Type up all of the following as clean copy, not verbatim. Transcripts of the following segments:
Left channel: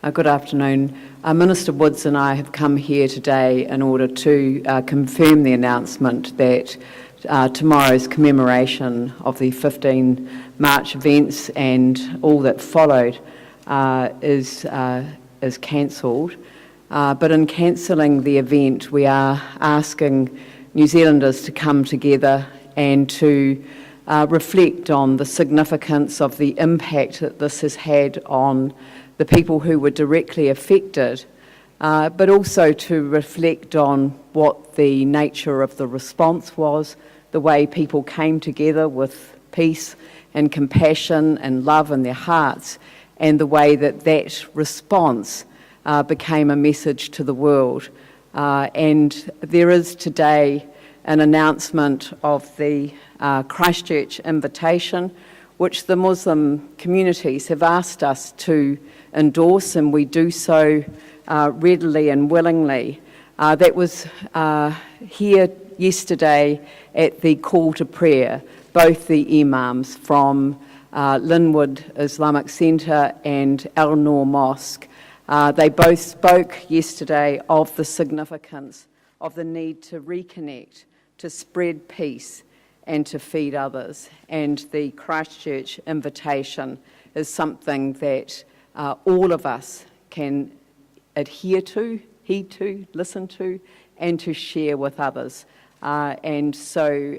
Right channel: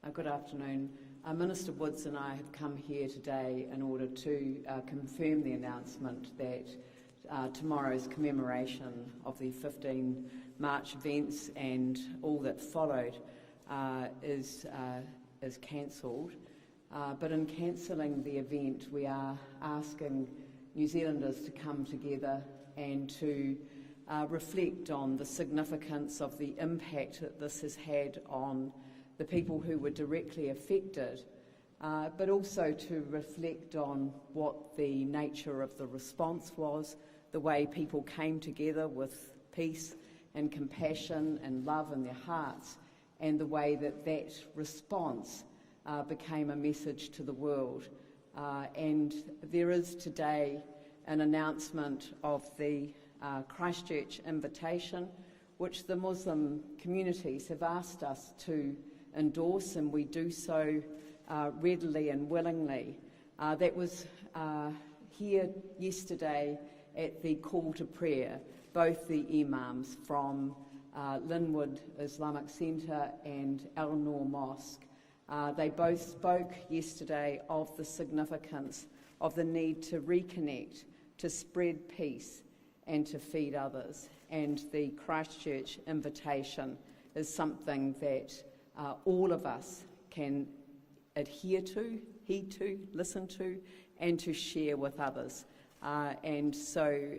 Good afternoon. Minister Woods and I have come here today in order to confirm the announcement that tomorrow's commemoration of the 15 March events and all that followed is cancelled. But in cancelling the event, we are asking New Zealanders to come together and to reflect on the significance of the impact that this has had on the people who were directly affected, but also to reflect on what the nature of the response was, the way people came together with peace and compassion and love in their hearts, and the way that that response became a message to the world. And there is today an announcement of the Christchurch invitation, which the Muslim communities have asked us to endorse, and we do so readily and willingly. That was here yesterday at the call to prayer, both the imams from Linwood Islamic Centre and Al Noor Mosque. They both spoke yesterday of the significance of the need to reconnect, to spread peace and to feed others. And the Christchurch invitation is something that all of us can adhere to, heed to, listen to, and to share with others. And so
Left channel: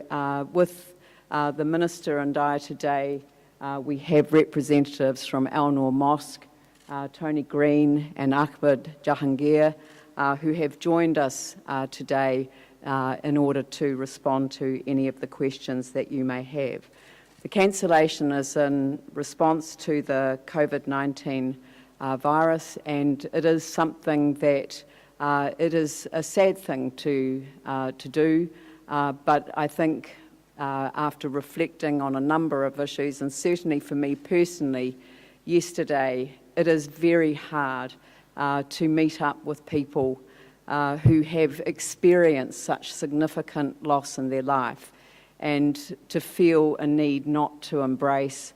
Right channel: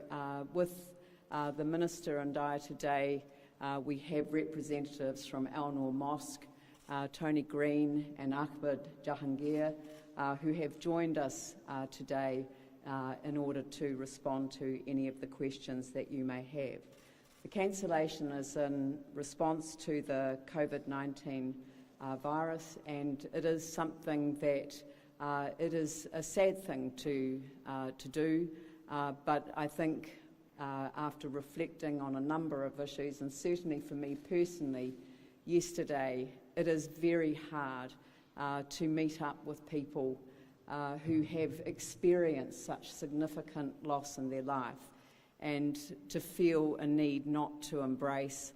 with the Minister and I today, we have representatives from Al Noor Mosque, Tony Green and Ahmed Jahangir, who have joined us today in order to respond to any of the questions that you may have. The cancellation is in response to the COVID-19 virus, and it is something that it is a sad thing to do, but I think after reflecting on a number of issues, and certainly for me personally, yesterday, it is very hard to meet up with people who have experienced such significant loss in their life, and to feel a need not to embrace,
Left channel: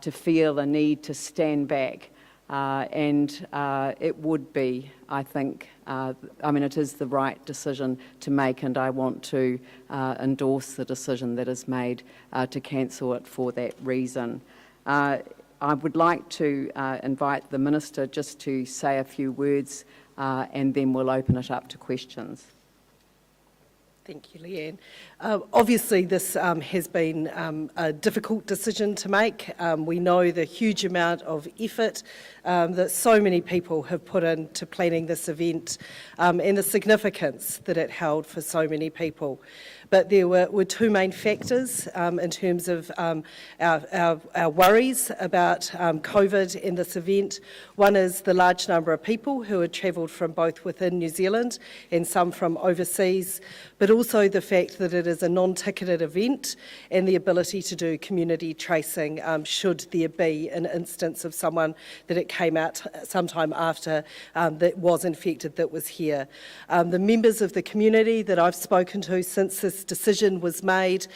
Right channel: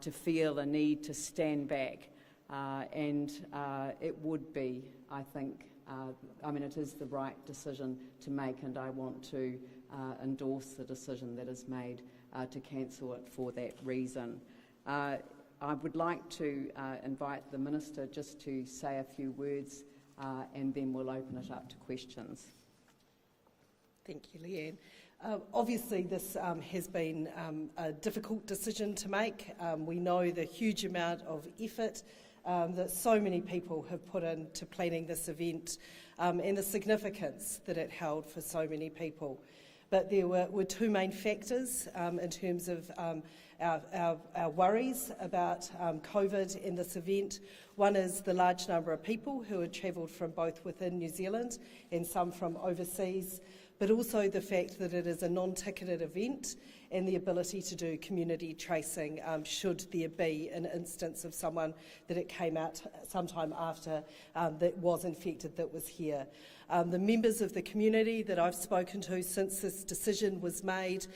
to feel a need to stand back. And it would be, I think, it is the right decision to make, and I want to endorse the decision that is made to cancel it for that reason. I would like to invite the Minister just to say a few words, and then we'll open it up to questions. Thank you, Leanne. Obviously, this has been a difficult decision to make. We know the huge amount of effort that so many people have put into planning this event and the significance that it held for so many people. But there were two main factors in terms of our worries about COVID in this event. One is the large number of people who had travelled from both within New Zealand and some from overseas, but also the fact that it is a non-ticketed event and the ability to do community tracing should there be an instance of someone that it came out sometime after that was infected that was here. The members of the community that I've spoken to since this decision was made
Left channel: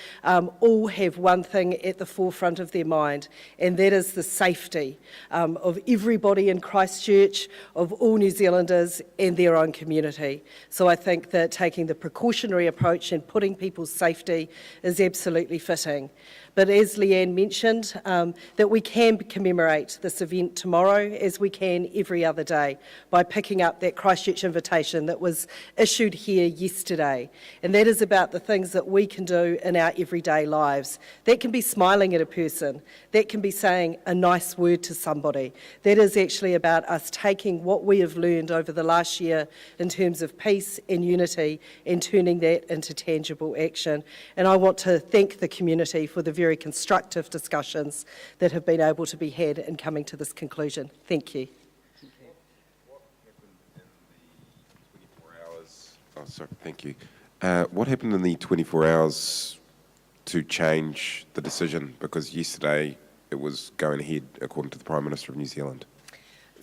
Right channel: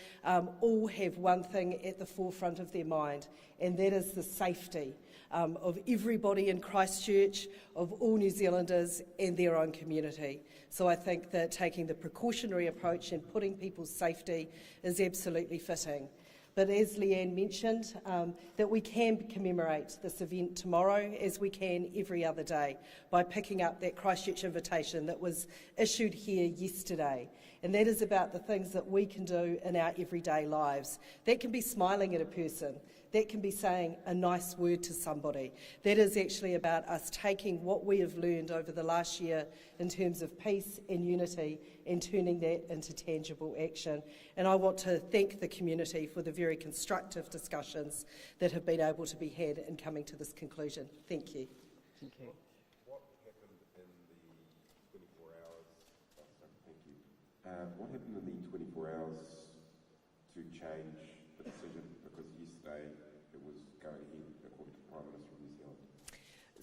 all have one thing at the forefront of their mind, and that is the safety of everybody in Christchurch, of all New Zealanders and their own community. So I think that taking the precautionary approach and putting people's safety is absolutely fitting. But as Leanne mentioned, that we can commemorate this event tomorrow as we can every other day by picking up that Christchurch invitation that was issued here yesterday. And that is about the things that we can do in our everyday lives. That can be smiling at a person. That can be saying a nice word to somebody. That is actually about us taking what we have learned over the last year in terms of peace and unity and turning that into tangible action. And I want to thank the community for the very constructive discussions that have been able to be had in coming to this conclusion. Thank you. What happened in the 24 hours? Oh, sorry, thank you. What happened in the 24 hours to change the decision? Because yesterday it was going ahead according to the Prime Minister of New Zealand.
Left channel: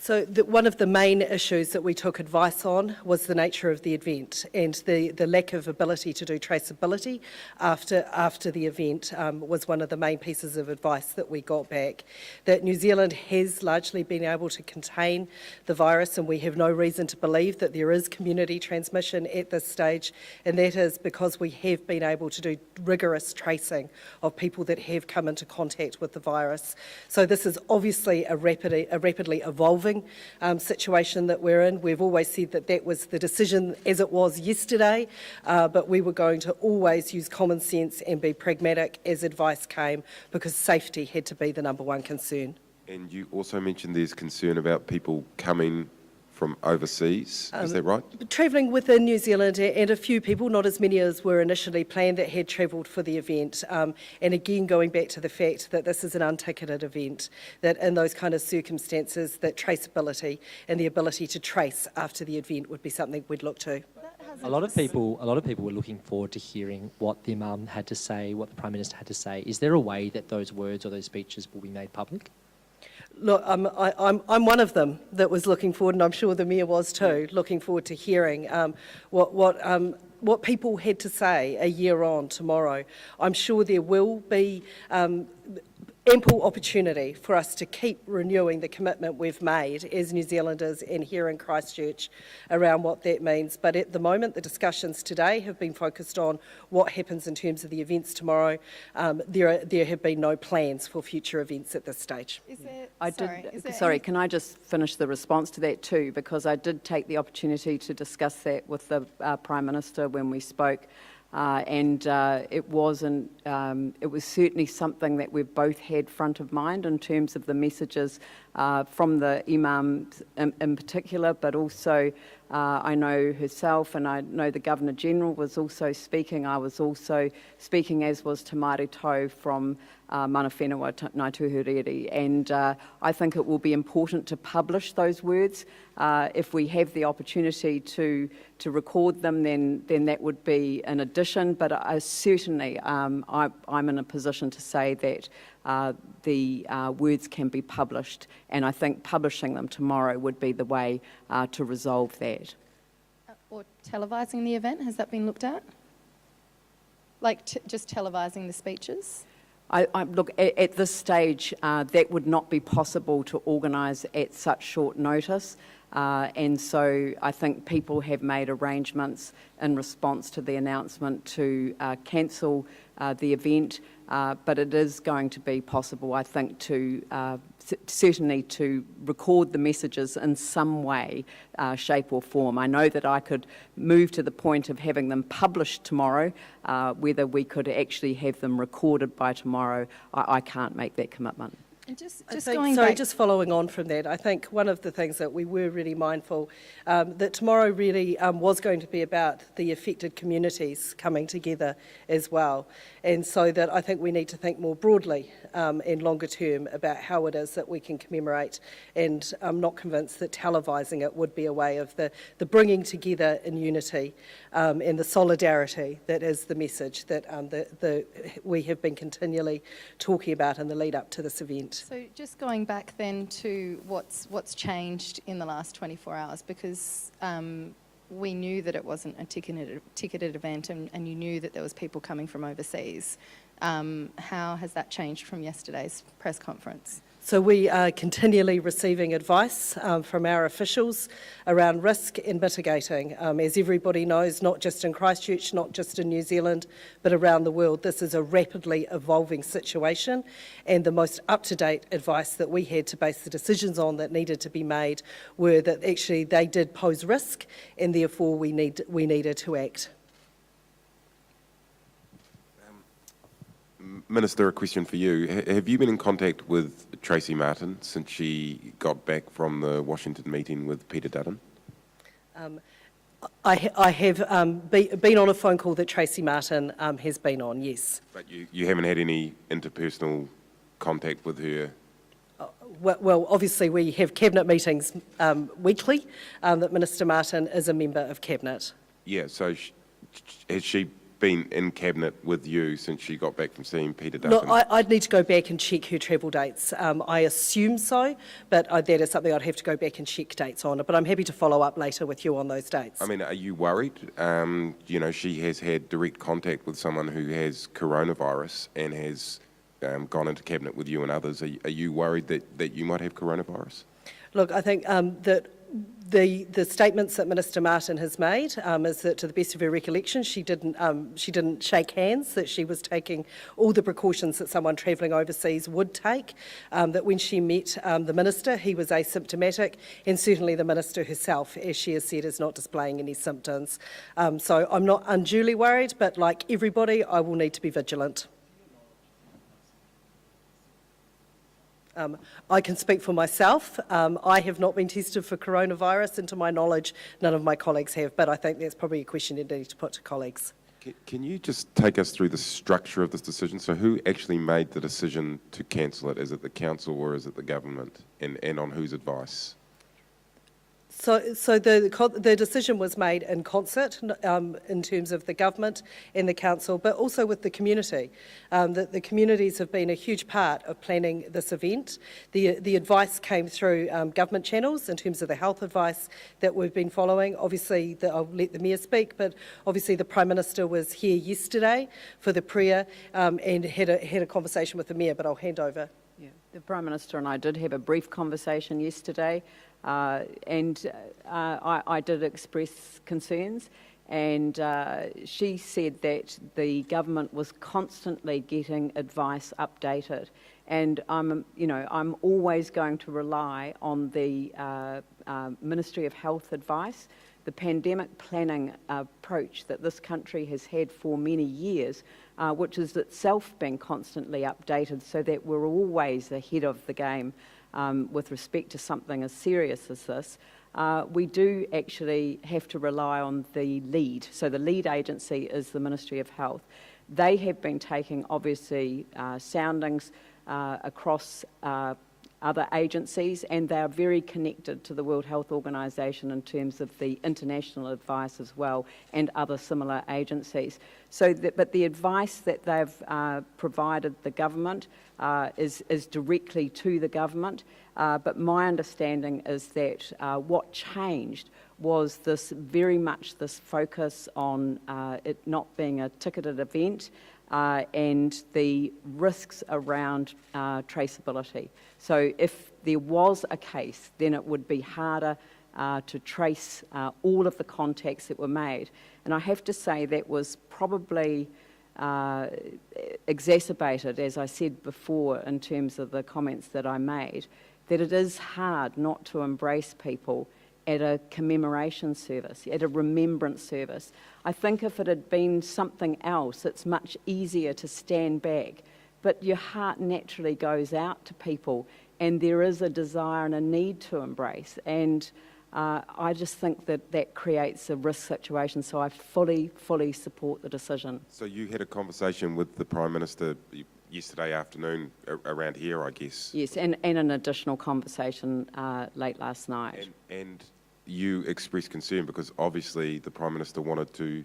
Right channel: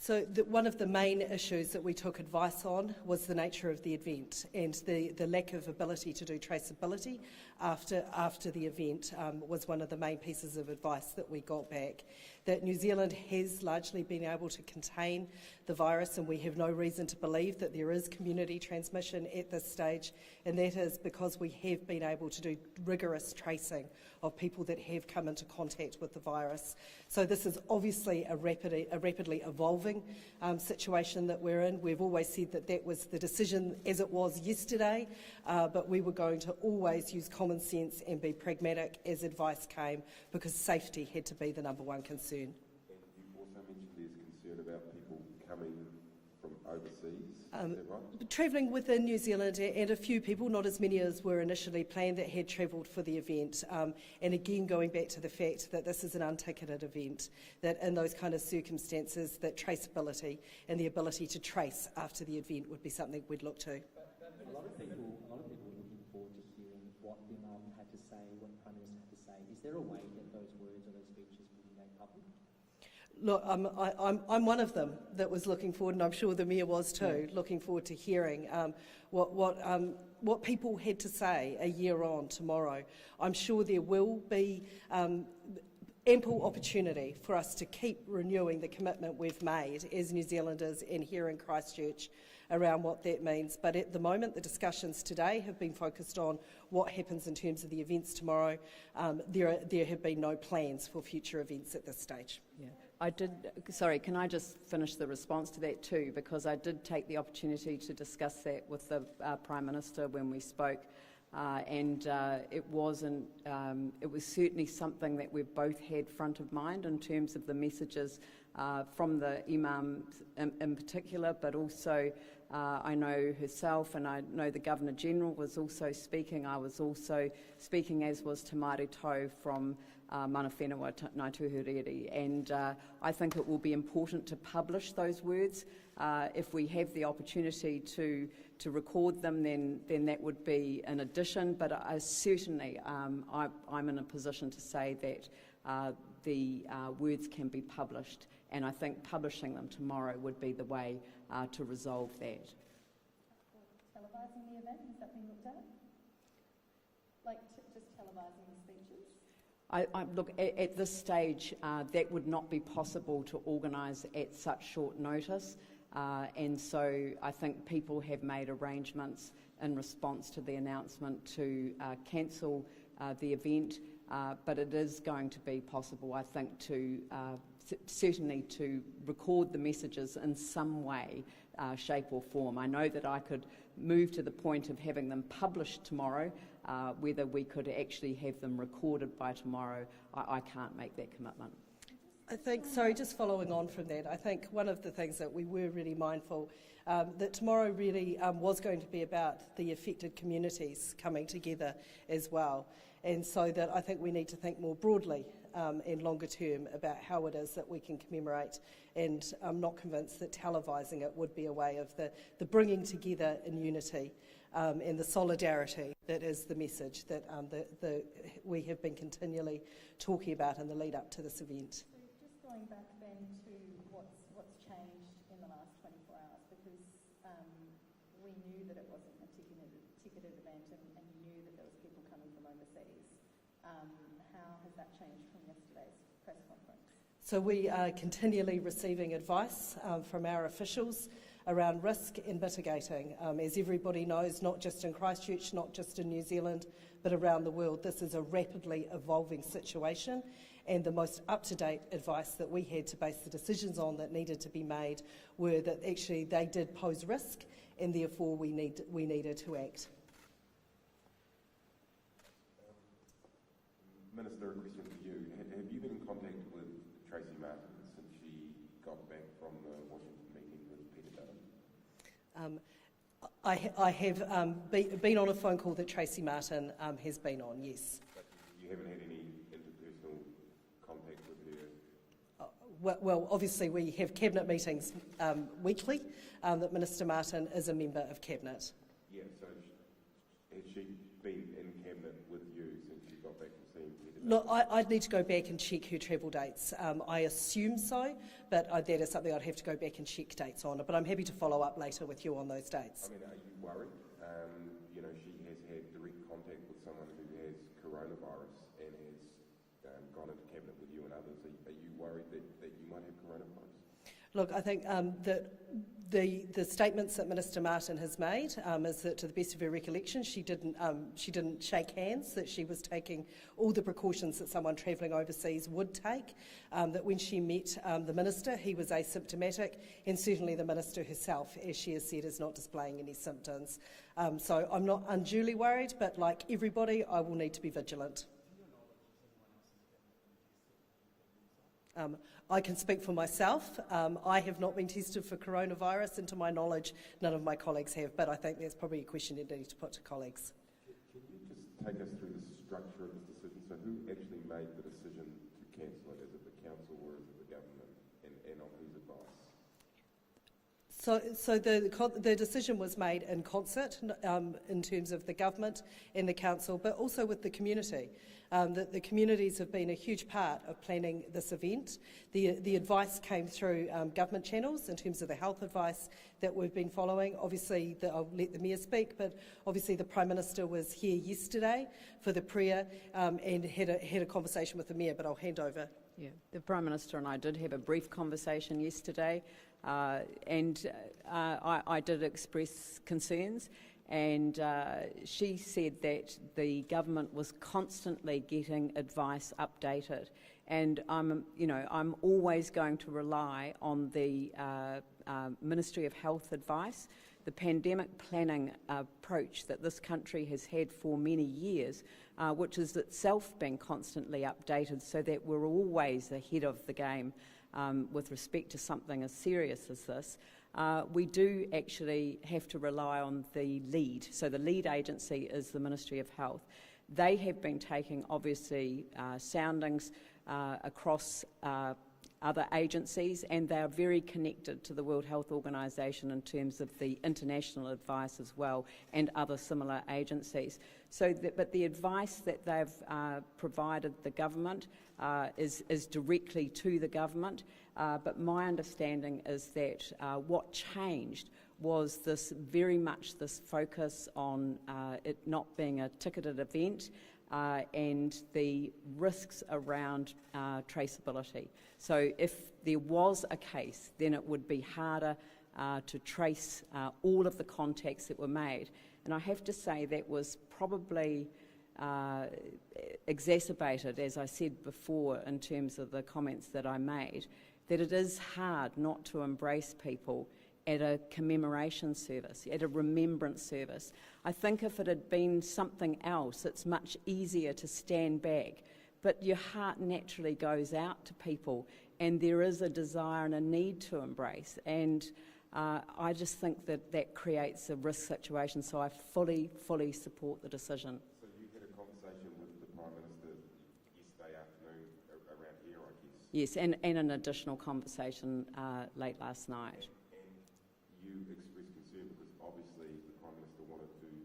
So one of the main issues that we took advice on was the nature of the event and the lack of ability to do traceability after the event was one of the main pieces of advice that we got back. That New Zealand has largely been able to contain the virus, and we have no reason to believe that there is community transmission at this stage, and that is because we have been able to do rigorous tracing of people that have come into contact with the virus. So this is obviously a rapidly evolving situation that we're in. We've always said that that was the decision as it was yesterday, but we were going to always use common sense and be pragmatic as advice came, because safety had to be the number one concern. And you also mentioned there's concern about people coming from overseas, is that right? Travelling within New Zealand, and a few people, not as many as were initially planned, that had travelled for the event. And again, going back to the fact that this is an unticketed event, that in those kind of circumstances, that traceability and the ability to trace after the event would be something we'd look to. A lot of people were looking forward to hearing what the Imam had to say, what the Prime Minister had to say. Is there a way that those words or those speeches will be made public? Look, I'm one of them that was looking forward, and I'm sure the Mayor was too, looking forward to hearing what people had to say a year on tomorrow. I'm sure there will be ample opportunity for us to keep renewing the commitment we've made as New Zealanders and here in Christchurch around what that means. But at the moment, the discussions today have been focused on what happens in terms of the events tomorrow. There have been no plans for future events at this stage. Sorry, can I just finish the response to that too? Because I did take the opportunity to discuss that with the Prime Minister when we spoke. It was certainly something that we've both had front of mind in terms of the messages from the Imam in particular, but also I know herself, and I know the Governor-General was also speaking. I was also speaking, as was Te Marito from Mana Whenua Ngāi Tuhuriri, and I think it will be important to publish those words. If we have the opportunity to record them, then that would be an addition, but certainly I'm in a position to say that the words can be published, and I think publishing them tomorrow would be the way to resolve that. Or televising the event, has that been looked at? Like just televising the speeches? Look, at this stage, that would not be possible to organise at such short notice. And so I think people have made arrangements in response to the announcement to cancel the event, but it is going to be possible, I think, to certainly to record the messages in some way, shape or form. I know that I could move to the point of having them published tomorrow. Whether we could actually have them recorded by tomorrow, I can't make that commitment. And just following on from that, I think one of the things that we were really mindful that tomorrow really was going to be about the affected communities coming together as well. And so that I think we need to think more broadly and longer term about how it is that we can commemorate. And I'm not convinced that televising it would be a way of the bringing together in unity and the solidarity that is the message that we have been continually talking about in the lead up to this event. So just going back then to what's changed in the last 24 hours, because we knew that it wasn't a ticketed event, and you knew that there was people coming from overseas. How has that changed from yesterday's press conference? So we are continually receiving advice from our officials around risk and mitigating. As everybody knows, not just in Christchurch, not just in New Zealand, but around the world, this is a rapidly evolving situation, and the most up-to-date advice that we had to base the decisions on that needed to be made were that actually they did pose risk, and therefore we needed to act. Minister, a question for you. Have you been in contact with Tracy Martin since she got back from the Washington meeting with Peter Dutton? I have been on a phone call that Tracy Martin has been on, yes. But you haven't had any interpersonal contact with her? Well, obviously we have Cabinet meetings weekly, that Minister Martin is a member of Cabinet. Yeah, so has she been in Cabinet with you since she got back from seeing Peter Look, Duncan? I'd need to go back and check her travel dates. I assume so, but that is something I'd have to go back and check dates on. But I'm happy to follow up later with you on those dates. I mean, are you worried? You know, she has had direct contact with someone who has coronavirus and has gone into Cabinet with you and others. Are you worried that you might have coronavirus? Look, I think that the statements that Minister Martin has made is that, to the best of her recollection, she didn't shake hands, that she was taking all the precautions that someone travelling overseas would take, that when she met the Minister, he was asymptomatic, and certainly the Minister herself, as she has said, is not displaying any symptoms. So I'm not unduly worried, but like everybody, I will need to be vigilant. I can speak for myself. I have not been tested for coronavirus, and to my knowledge, none of my colleagues have, but I think that's probably a question you need to put to colleagues. Can you just take us through the structure of this decision? So who actually made the decision to cancel it? Is it the council or is it the government? And on whose advice? So the decision was made in concert in terms of the government and the council, but also with the community. The communities have been a huge part of planning this event. The advice came through government channels in terms of the health advice that we've been following. Obviously, I'll let the Mayor speak, but obviously the Prime Minister was here yesterday for the prayer and had a conversation with the Mayor, but I'll hand over. Yeah, the Prime Minister and I did have a brief conversation yesterday, and I did express concerns, and she said that the government was constantly getting advice updated, and I'm always going to rely on the Ministry of Health advice. The pandemic planning approach that this country has had for many years, which is itself being constantly updated so that we're always ahead of the game with respect to something as serious as this. We do actually have to rely on the lead. So the lead agency is the Ministry of Health. They have been taking, obviously, soundings across other agencies, and they are very connected to the World Health Organization in terms of the international advice as well, and other similar agencies. But the advice that they've provided the government is directly to the government. But my understanding is that what changed was very much this focus on it not being a ticketed event, and the risks around traceability. So if there was a case, then it would be harder to trace all of the contacts that were made. And I have to say that was probably exacerbated, as I said before, in terms of the comments that I made, that it is hard not to embrace people at a commemoration service, at a remembrance service. I think if it had been something else, it's much easier to stand back. But your heart naturally goes out to people, and there is a desire and a need to embrace. And I just think that creates a risk situation, so I fully support the decision. So you had a conversation with the Prime Minister yesterday afternoon around here, I guess? Yes, and an additional conversation late last night. And you expressed concern because obviously the Prime Minister wanted to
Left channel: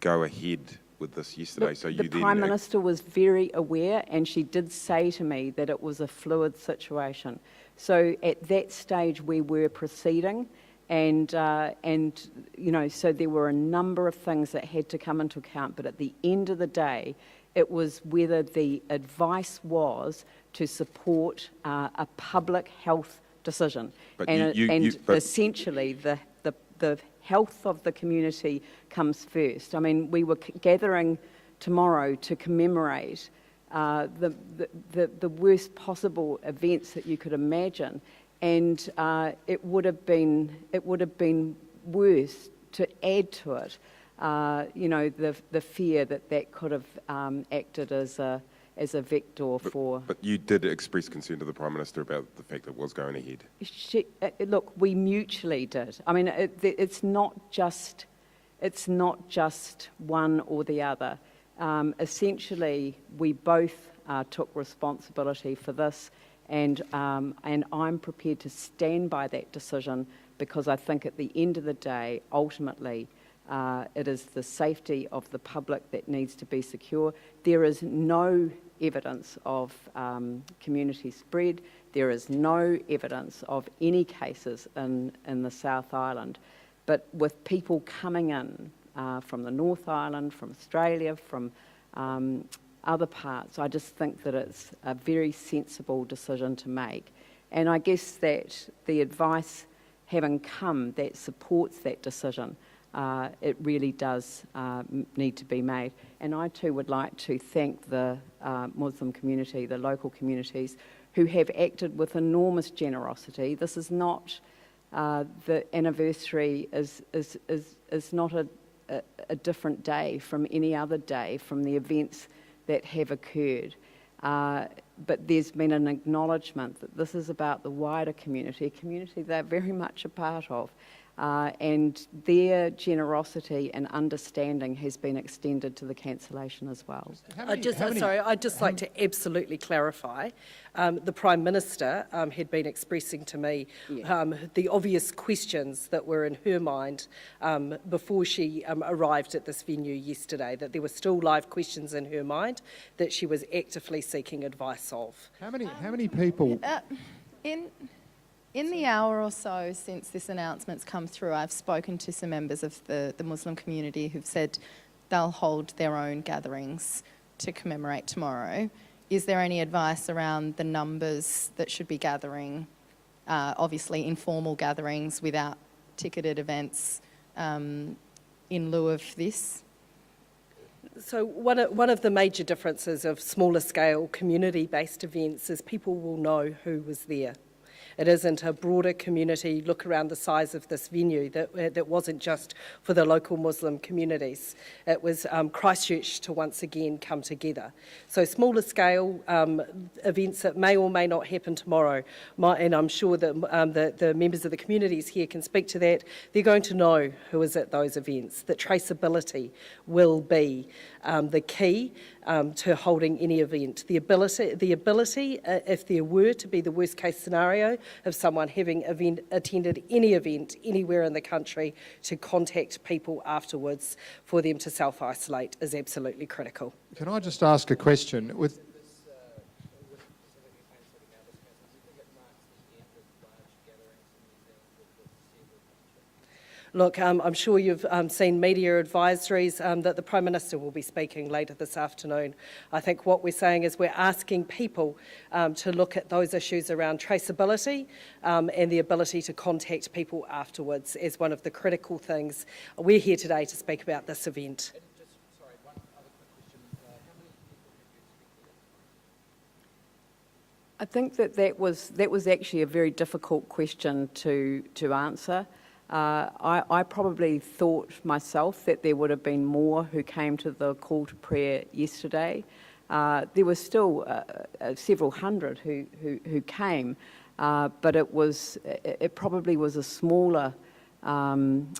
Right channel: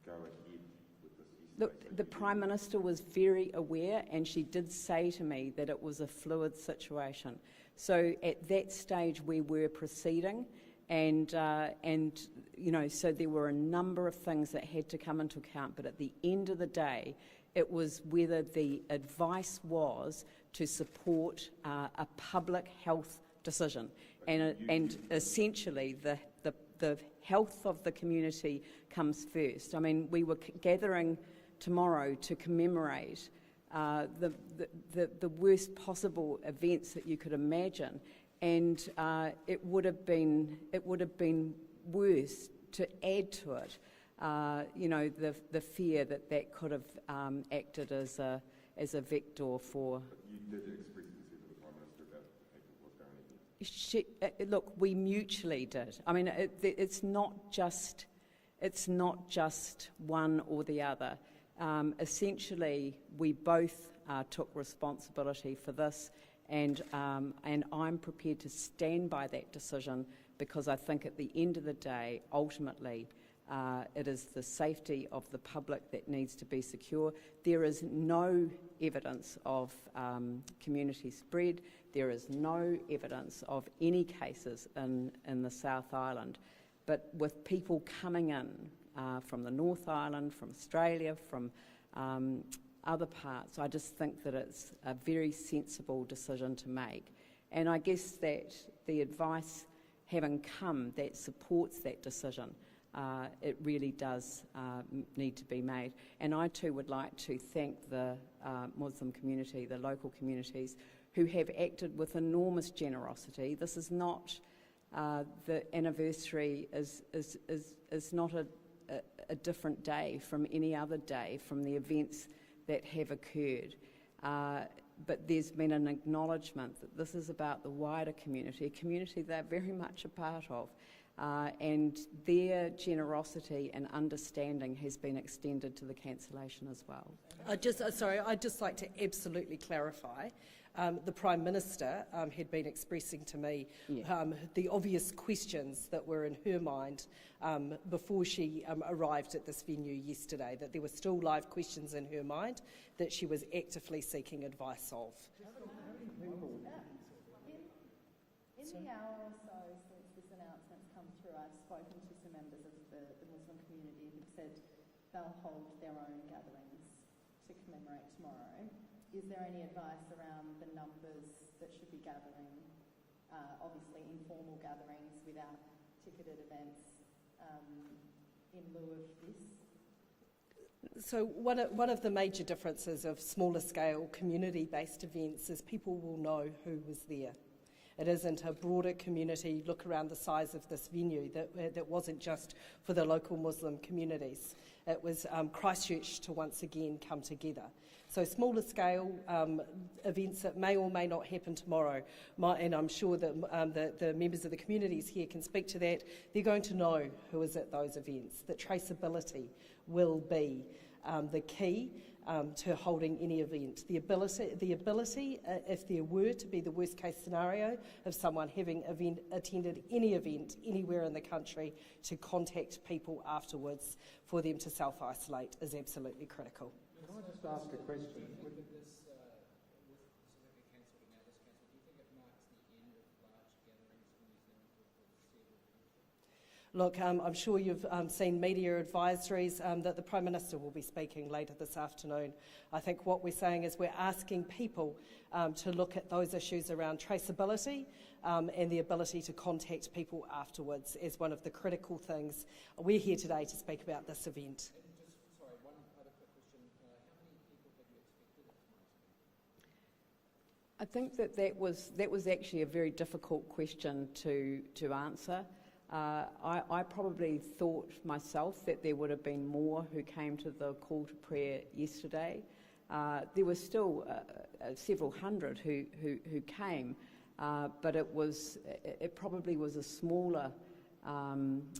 go ahead with this yesterday. Look, So you the Prime Minister was very aware, and she did say to me that it was a fluid situation. So at that stage we were proceeding, and so there were a number of things that had to come into account. But at the end of the day, it was whether the advice was to support a public health decision, but essentially the health of the community comes first. I mean, we were gathering tomorrow to commemorate the worst possible events that you could imagine, and it would have been worse to add to it. The fear that could have acted as a vector for... But you did express concern to the Prime Minister about the fact that it was going ahead. Look, we mutually did. I mean, it's not just one or the other. Essentially, we both took responsibility for this, and I'm prepared to stand by that decision, because I think at the end of the day, ultimately, It is the safety of the public that needs to be secure. There is no evidence of community spread. There is no evidence of any cases in the South Island. But with people coming in from the North Island, from Australia, from other parts, I just think that it's a very sensible decision to make. And I guess that the advice having come that supports that decision, it really does need to be made. And I too would like to thank the Muslim community, the local communities, who have acted with enormous generosity. This is not, the anniversary is not a different day from any other day from the events that have occurred. But there's been an acknowledgement that this is about the wider community, a community they're very much a part of, and their generosity and understanding has been extended to the cancellation as well. I'd just like to absolutely clarify. The Prime Minister had been expressing to me the obvious questions that were in her mind before she arrived at this venue yesterday, that there were still live questions in her mind that she was actively seeking advice of. How many people? In the hour or so since this announcement's come through, I've spoken to some members of the Muslim community who've said they'll hold their own gatherings to commemorate tomorrow. Is there any advice around the numbers that should be gathering? Obviously, informal gatherings without ticketed events in lieu of this? So one of the major differences of smaller scale community-based events is people will know who was there. It isn't a broader community look around the size of this venue that wasn't just for the local Muslim communities. It was Christchurch to once again come together. So smaller scale events that may or may not happen tomorrow, and I'm sure that the members of the communities here can speak to that, they're going to know who is at those events, that traceability will be the key to holding any event. The ability, if there were to be the worst case scenario of someone having attended any event anywhere in the country, to contact people afterwards for them to self-isolate is absolutely critical. Can I just ask a question? With Look, I'm sure you've seen media advisories that the Prime Minister will be speaking later this afternoon. I think what we're saying is we're asking people to look at those issues around traceability and the ability to contact people afterwards as one of the critical things. We're here today to speak about this event. I think that was actually a very difficult question to answer. I probably thought myself that there would have been more who came to the call to prayer yesterday. There were still several hundred who came, but it probably was a smaller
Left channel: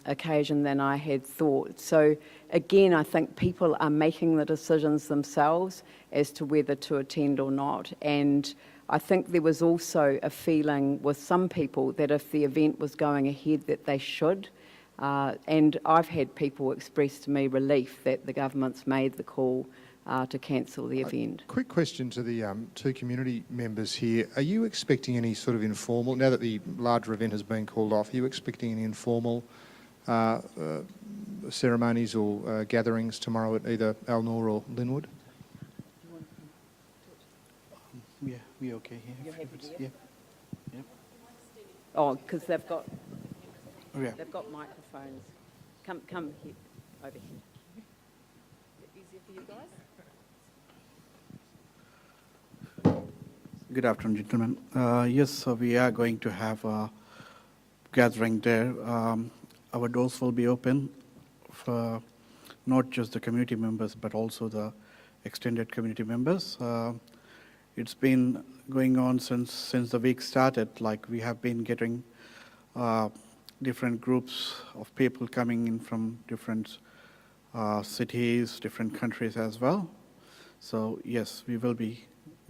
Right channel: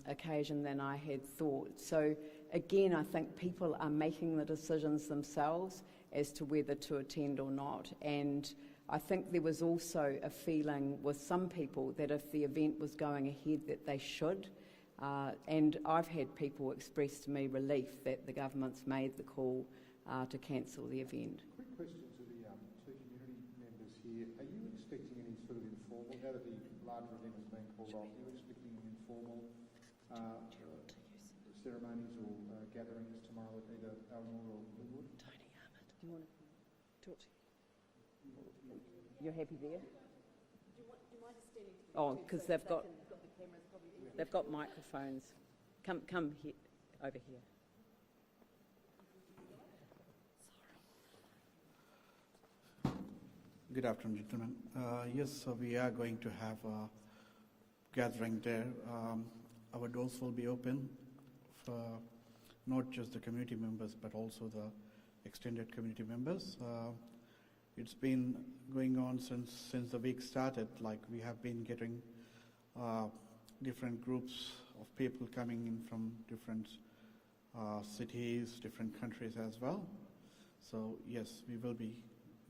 occasion than I had thought. So again, I think people are making the decisions themselves as to whether to attend or not. And I think there was also a feeling with some people that if the event was going ahead that they should. And I've had people express to me relief that the government's made the call to cancel the event. Quick question to the two community members here. Are you expecting any sort of informal, now that the larger event has been called off, are you expecting any informal ceremonies or gatherings tomorrow at either Alnor or Linwood? Yeah, we okay here. You're happy to Yeah. Yep. Oh, because they've got Yeah. microphones. Come here, over here. Easier for you guys? Good afternoon, gentlemen. Yes, so we are going to have a gathering there. Our doors will be open for not just the community members, but also the extended community members. It's been going on since the week started. Like, we have been getting different groups of people coming in from different cities, different countries as well. So yes, we will be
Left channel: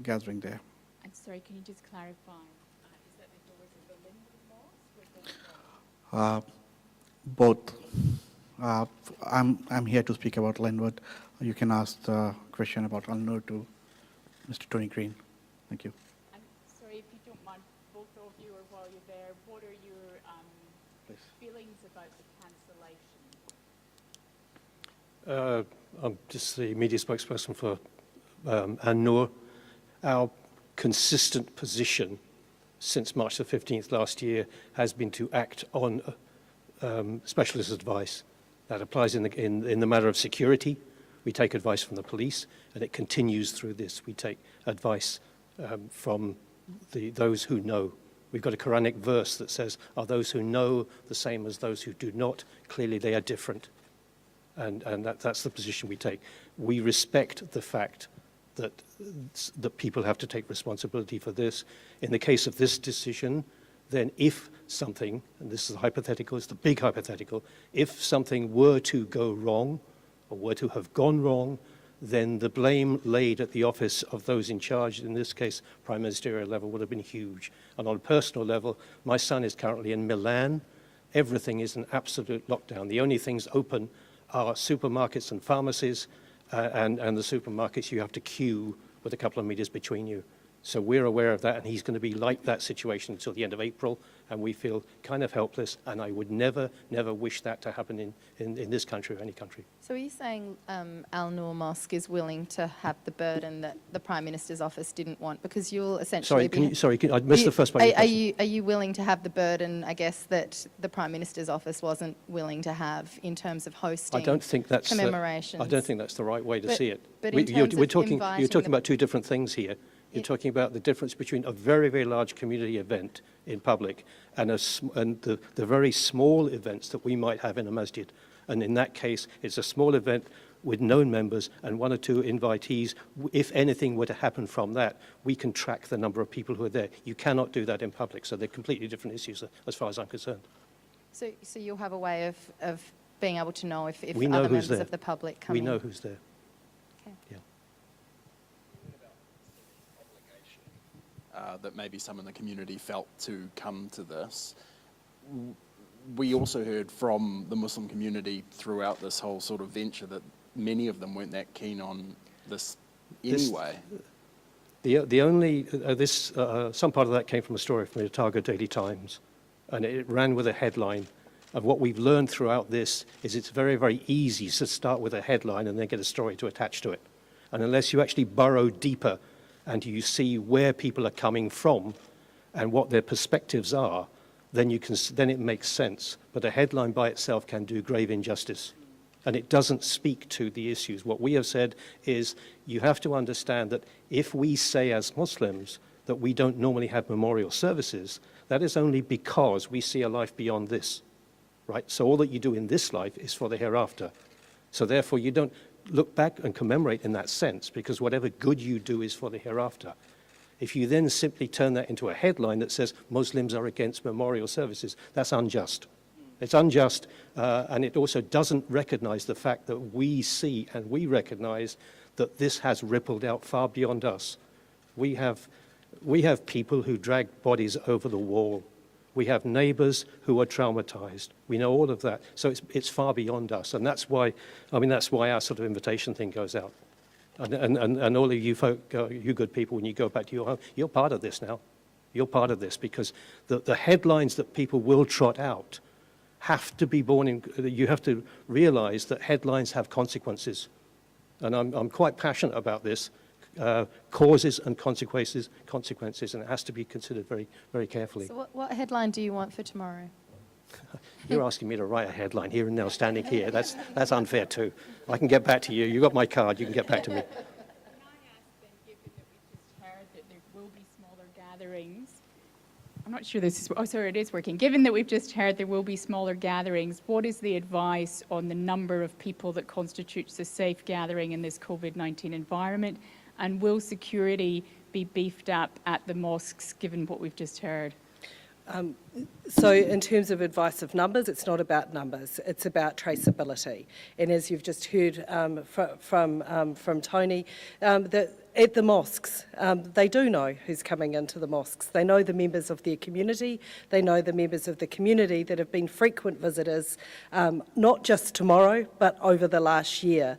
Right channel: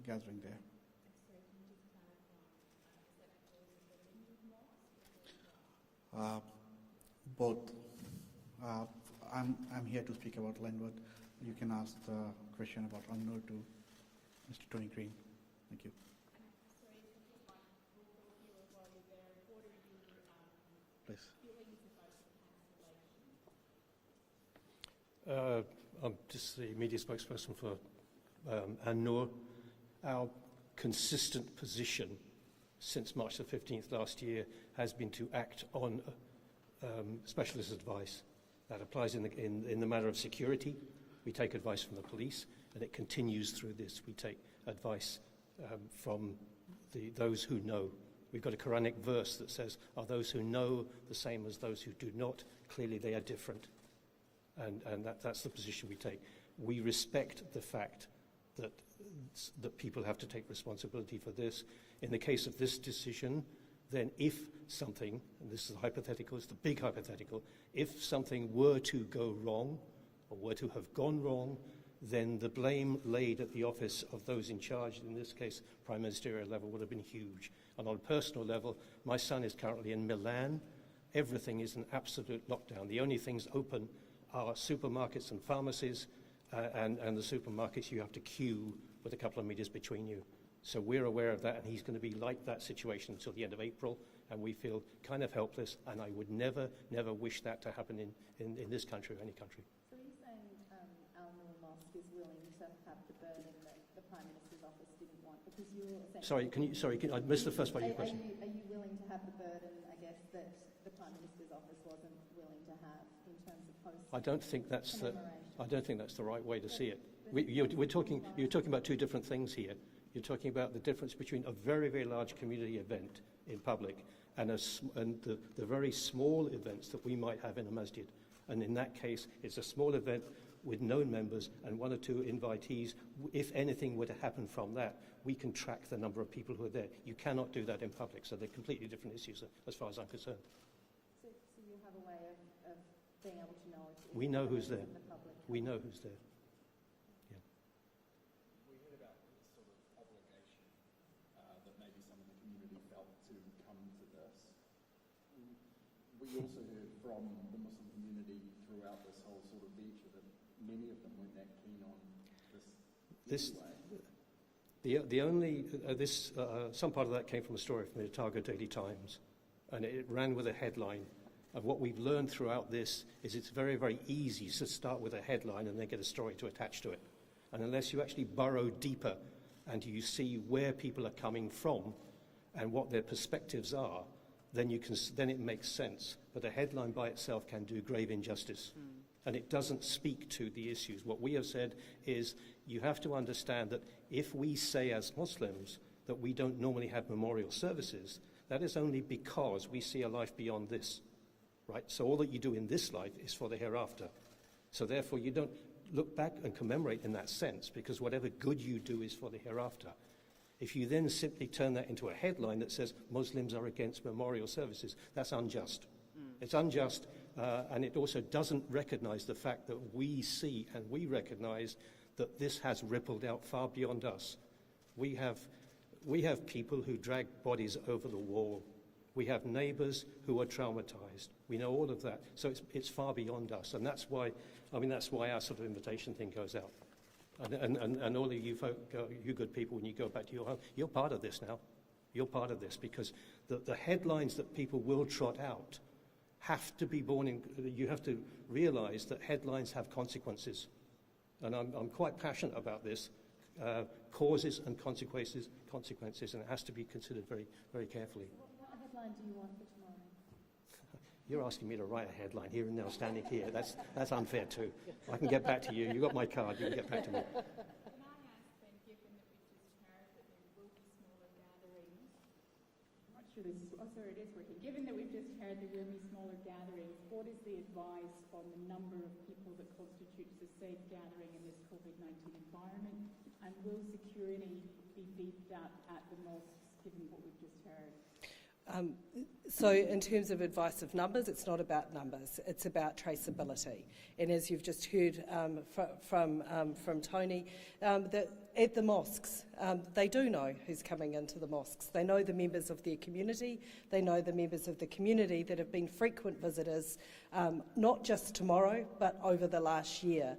gathering there. I'm sorry, can you just clarify? Is that before the Linwood Mosque? Both. I'm here to speak about Linwood. You can ask the question about Ulnar to Mr. Tony Green. Thank you. And sorry, if you don't mind, both of you, or while you're there, what are your feelings about the cancellation? I'm just the media spokesperson for Ulnar. Our consistent position since March the 15th last year has been to act on specialist advice. That applies in the matter of security. We take advice from the police, and it continues through this. We take advice from those who know. We've got a Quranic verse that says, are those who know the same as those who do not? Clearly they are different. And that's the position we take. We respect the fact that people have to take responsibility for this. In the case of this decision, then if something, and this is hypothetical, it's the big hypothetical, if something were to go wrong, or were to have gone wrong, then the blame laid at the office of those in charge, in this case, prime ministerial level, would have been huge. And on a personal level, my son is currently in Milan. Everything is an absolute lockdown. The only things open are supermarkets and pharmacies, and the supermarkets you have to queue with a couple of meters between you. So we're aware of that, and he's going to be like that situation until the end of April, and we feel kind of helpless, and I would never, never wish that to happen in this country or any country. So are you saying Al Noor Mosque is willing to have the burden that the Prime Minister's office didn't want? Because you'll essentially I missed the first part of your question. Are you willing to have the burden, I guess, that the Prime Minister's office wasn't willing to have in terms of hosting commemorations? I don't think that's the right way to see it. But in terms you're talking about two different things here. You're talking about the difference between a very, very large community event in public and the very small events that we might have in a masjid. And in that case, it's a small event with known members and one or two invitees. If anything were to happen from that, we can track the number of people who are there. You cannot do that in public, so they're completely different issues as far as I'm concerned. So you'll have a way of being able to know if we know other who's members there. of the public come in? We know who's there. Okay. Yeah. That maybe some in the community felt to come to this. We also heard from the Muslim community throughout this whole sort of venture that many of them weren't that keen on this anyway. The only, some part of that came from a story from the Otago Daily Times, and it ran with a headline of what we've learned throughout this is it's very, very easy to start with a headline and then get a story to attach to it. And unless you actually burrow deeper and you see where people are coming from and what their perspectives are, then it makes sense. But a headline by itself can do grave injustice. And it doesn't speak to the issues. What we have said is you have to understand that if we say as Muslims that we don't normally have memorial services, that is only because we see a life beyond this, right? So all that you do in this life is for the hereafter. So therefore you don't look back and commemorate in that sense, because whatever good you do is for the hereafter. If you then simply turn that into a headline that says Muslims are against memorial services, that's unjust. It's unjust, and it also doesn't recognize the fact that we see and we recognize that this has rippled out far beyond us. We have people who drag bodies over the wall. We have neighbors who are traumatized. We know all of that. So it's far beyond us. And that's why our sort of invitation thing goes out. And all of you folk, you good people, when you go back to your home, you're part of this now. You're part of this because the headlines that people will trot out have to be born in, you have to realize that headlines have consequences. And I'm quite passionate about this. Causes and consequences, and it has to be considered very, very carefully. So what headline do you want for tomorrow? You're asking me to write a headline here and now, standing here. That's unfair too. I can get back to you. You got my card. You can get back to me. Can I ask then, given that we've just heard that there will be smaller gatherings, I'm not sure this is, oh sorry, it is working. Given that we've just heard there will be smaller gatherings, what is the advice on the number of people that constitutes a safe gathering in this COVID-19 environment? And will security be beefed up at the mosques, given what we've just heard? So in terms of advice of numbers, it's not about numbers, it's about traceability. And as you've just heard from Tony, that at the mosques, they do know who's coming into the mosques. They know the members of their community. They know the members of the community that have been frequent visitors, not just tomorrow, but over the last year.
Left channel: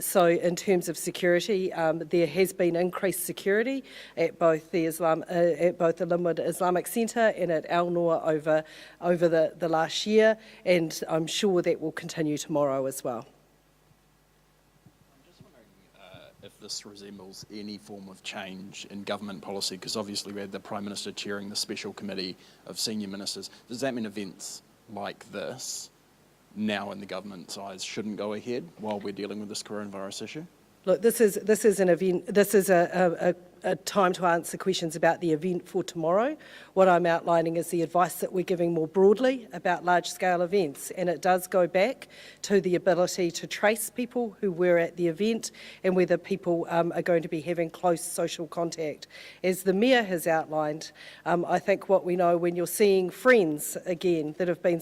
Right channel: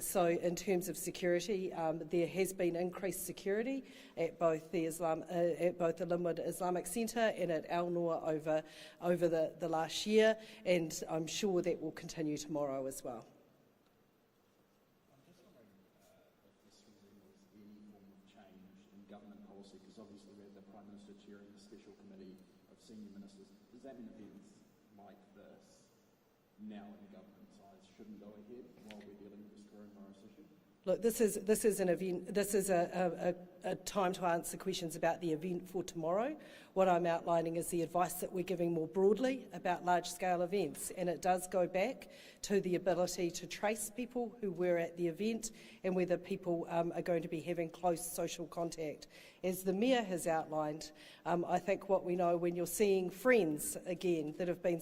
So in terms of security, there has been increased security at both the Linwood Islamic Centre and at Al Noor over the last year, and I'm sure that will continue tomorrow as well. If this resembles any form of change in government policy, because obviously we had the Prime Minister chairing the special committee of senior ministers. Does that mean events like this, now in the government's eyes, shouldn't go ahead while we're dealing with this coronavirus issue? Look, this is an event. This is a time to answer questions about the event for tomorrow. What I'm outlining is the advice that we're giving more broadly about large-scale events, and it does go back to the ability to trace people who were at the event and whether people are going to be having close social contact. As the Mayor has outlined, I think what we know when you're seeing friends again that have been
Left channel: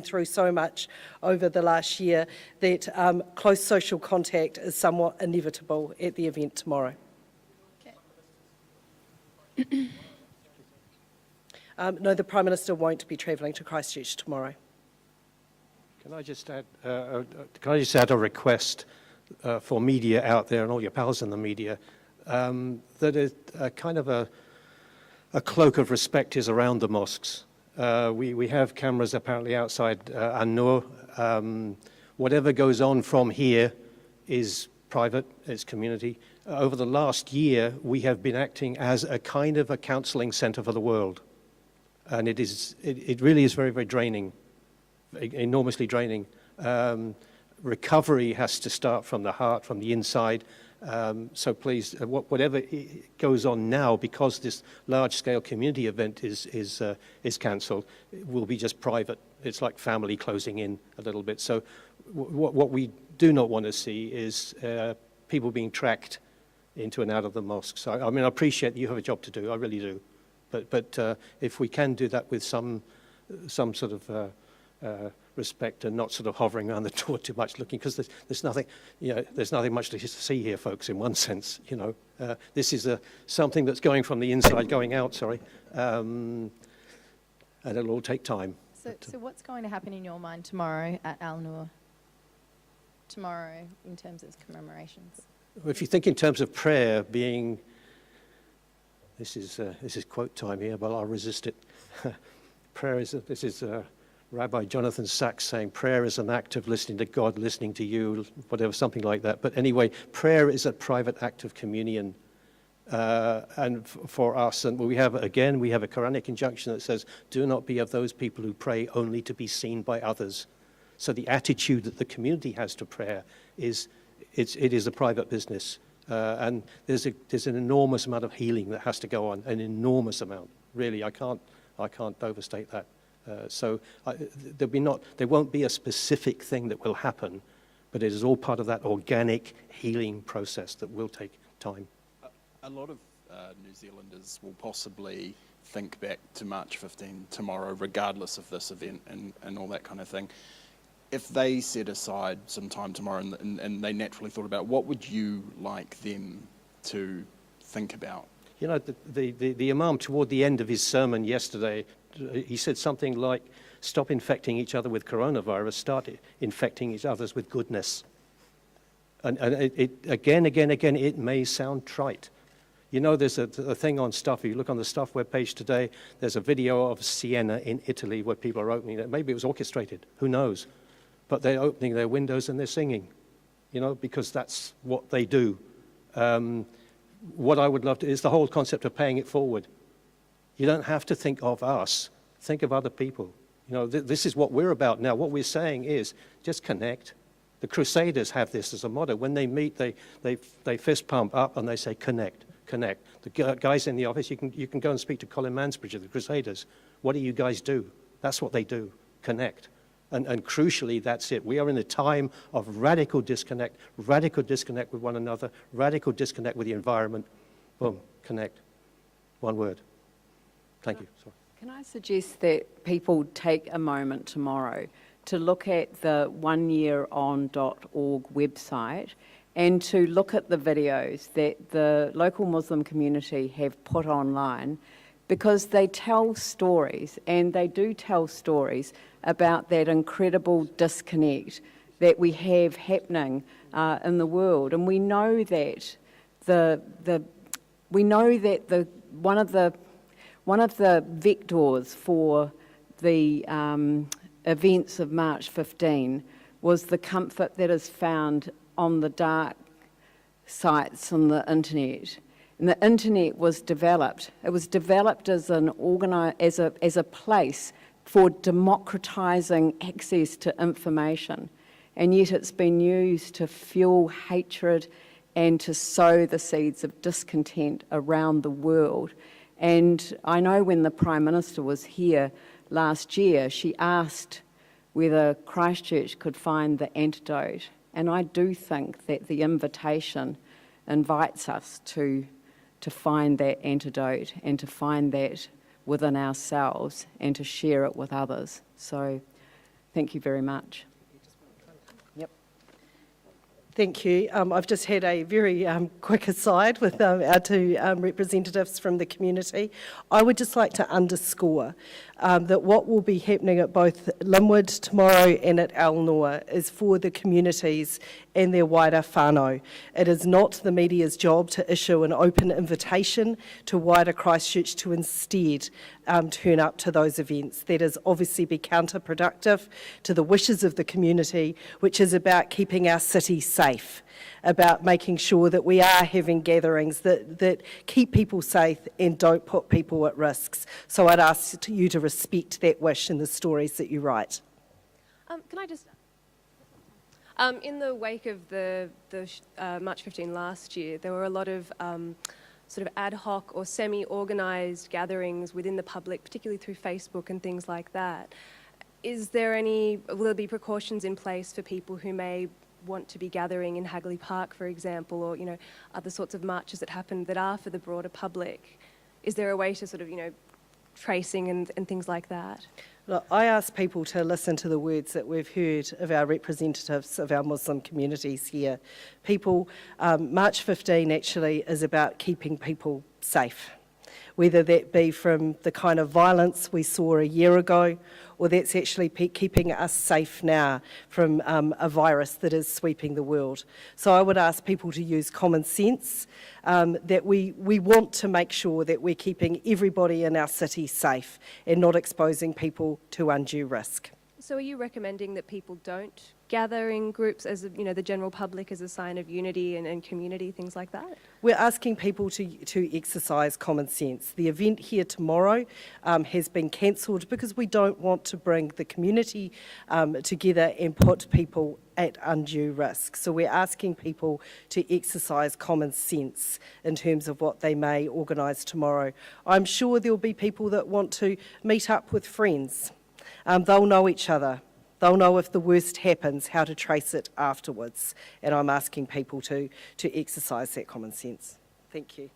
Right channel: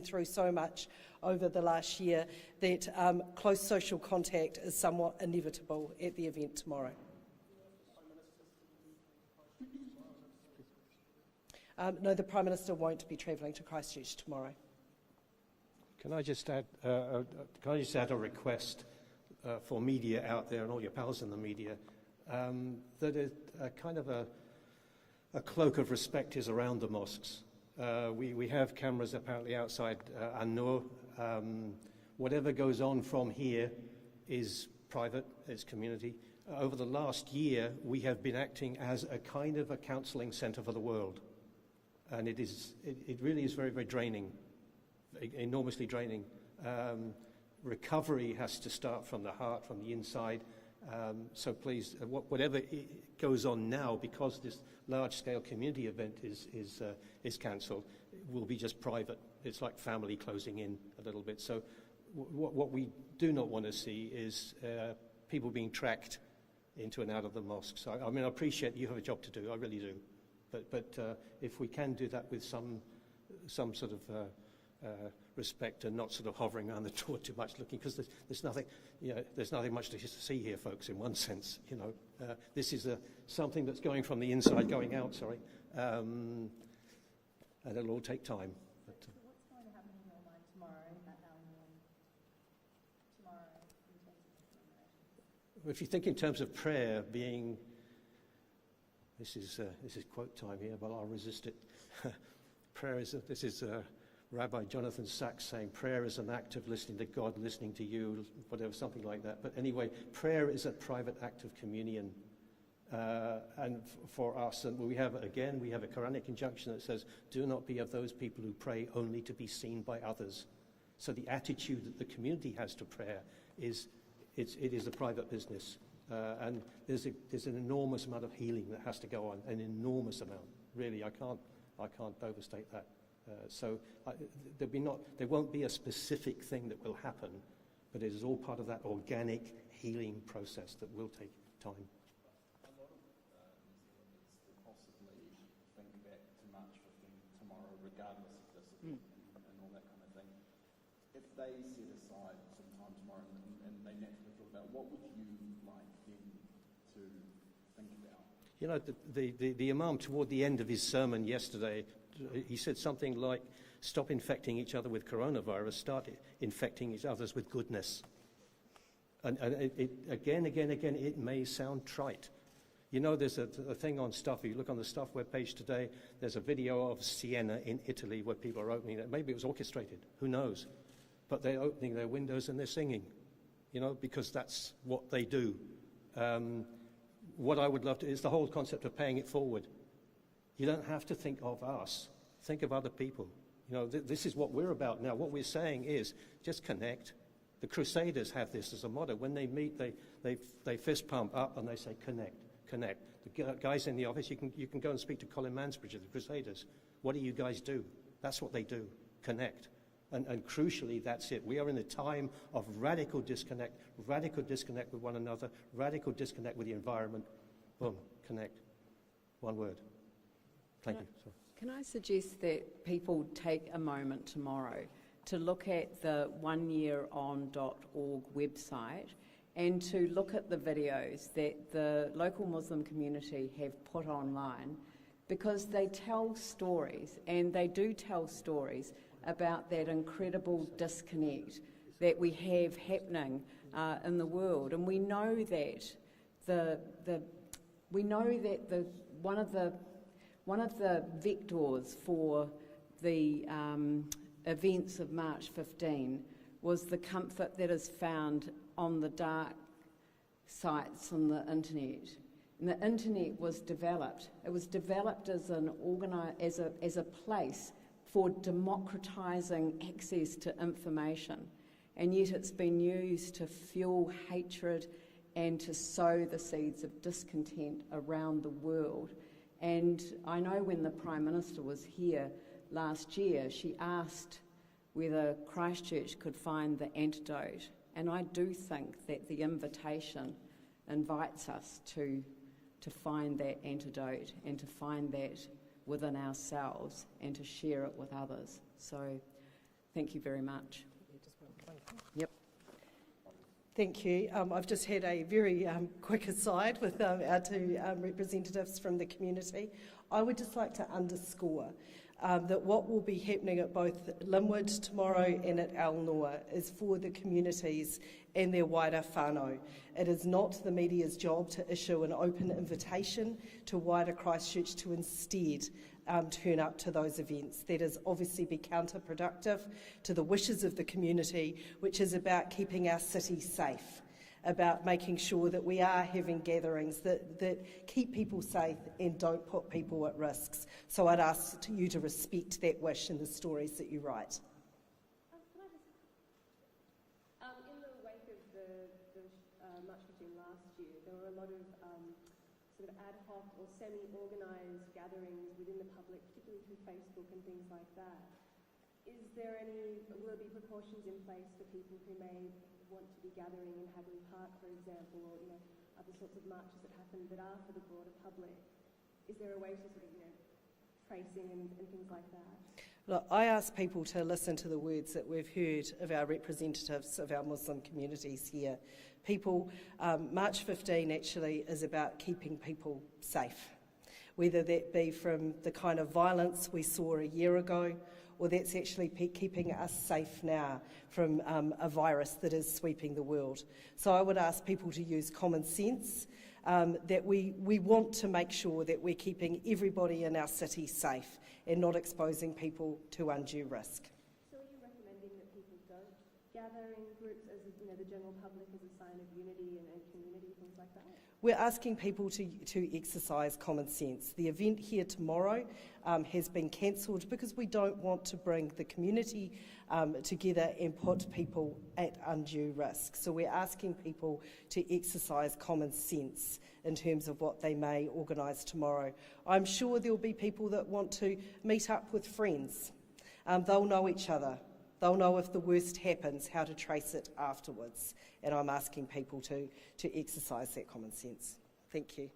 through so much over the last year, that close social contact is somewhat inevitable at the event tomorrow. No, the Prime Minister won't be travelling to Christchurch tomorrow. Can I just add a request for media out there and all your pals in the media, that is kind of a cloak of respect is around the mosques. We have cameras apparently outside Al Noor. Whatever goes on from here is private, it's community. Over the last year, we have been acting as a kind of a counselling centre for the world. And it really is very, very draining, enormously draining. Recovery has to start from the heart, from the inside. So please, whatever goes on now, because this large-scale community event is cancelled, will be just private. It's like family closing in a little bit. So what we do not want to see is people being tracked into and out of the mosques. I mean, I appreciate that you have a job to do. I really do. But if we can do that with some sort of respect and not sort of hovering around the door too much, looking, because there's nothing, there's nothing much to see here, folks. In one sense, this is something that's going from the inside, going out. Sorry, and it'll all take time. So what's going to happen in your mind tomorrow at Al Noor? Tomorrow, in terms of commemorations. If you think in terms of prayer being, this is quote time here, but I'll resist it. Prayer is, this is Rabbi Jonathan Sachs saying, prayer is an act of listening to God, listening to you, whatever, something like that. But anyway, prayer is a private act of communion. And for us, and we have a Quranic injunction that says, do not be of those people who pray only to be seen by others. So the attitude that the community has to prayer is, it is a private business. And there's an enormous amount of healing that has to go on, an enormous amount. Really, I can't overstate that. So there won't be a specific thing that will happen, but it is all part of that organic healing process that will take time. A lot of New Zealanders will possibly think back to March 15 tomorrow, regardless of this event and all that kind of thing. If they set aside some time tomorrow and they naturally thought about, what would you like them to think about? The Imam, toward the end of his sermon yesterday, he said something like, stop infecting each other with coronavirus, start infecting each other with goodness. And it again, it may sound trite. There's a thing on Stuff. If you look on the Stuff webpage today, there's a video of Siena in Italy where people are opening it. Maybe it was orchestrated, who knows? But they're opening their windows and they're singing, because that's what they do. What I would love to is the whole concept of paying it forward. You don't have to think of us, think of other people. This is what we're about now. What we're saying is just connect. The Crusaders have this as a motto. When they meet, they fist pump up and they say connect, connect. The guys in the office, you can go and speak to Colin Mansbridge of the Crusaders. What do you guys do? That's what they do, connect. And crucially, that's it. We are in a time of radical disconnect with one another, radical disconnect with the environment. Boom, connect. One word. Thank you. Sorry. Can I suggest that people take a moment tomorrow to look at the oneyearon.org website and to look at the videos that the local Muslim community have put online, because they tell stories, and they do tell stories about that incredible disconnect that we have happening in the world. And we know that one of the vectors for the events of March 15 was the comfort that is found on the dark sites on the internet. And the internet was developed. It was developed as as a place for democratising access to information, and yet it's been used to fuel hatred and to sow the seeds of discontent around the world. And I know when the Prime Minister was here last year, she asked whether Christchurch could find the antidote. And I do think that the invitation invites us to find that antidote and to find that within ourselves and to share it with others. So thank you very much. Thank you. I've just had a very quick aside with our two representatives from the community. I would just like to underscore that what will be happening at both Linwood tomorrow and at Alnor is for the communities and their wider whānau. It is not the media's job to issue an open invitation to wider Christchurch to instead turn up to those events. That is obviously be counterproductive to the wishes of the community, which is about keeping our city safe, about making sure that we are having gatherings that keep people safe and don't put people at risks. So I'd ask you to respect that wish in the stories that you write. Can I just... in the wake of the March 15 last year, there were a lot of sort of ad hoc or semi-organised gatherings within the public, particularly through Facebook and things like that. Will there be precautions in place for people who may want to be gathering in Hagley Park, for example, or, other sorts of marches that happen that are for the broader public? Is there a way to sort of, tracing and things like that? Look, I ask people to listen to the words that we've heard of our representatives of our Muslim communities here. March 15 actually is about keeping people safe, whether that be from the kind of violence we saw a year ago, or that's actually keeping us safe now from a virus that is sweeping the world. So I would ask people to use common sense, that we want to make sure that we're keeping everybody in our city safe and not exposing people to undue risk. So are you recommending that people don't gather in groups as, the general public as a sign of unity and community, things like that? We're asking people to exercise common sense. The event here tomorrow has been cancelled because we don't want to bring the community together and put people at undue risk. So we're asking people to exercise common sense in terms of what they may organise tomorrow. I'm sure there'll be people that want to meet up with friends. They'll know each other. They'll know if the worst happens, how to trace it afterwards. And I'm asking people to exercise that common sense. Thank you.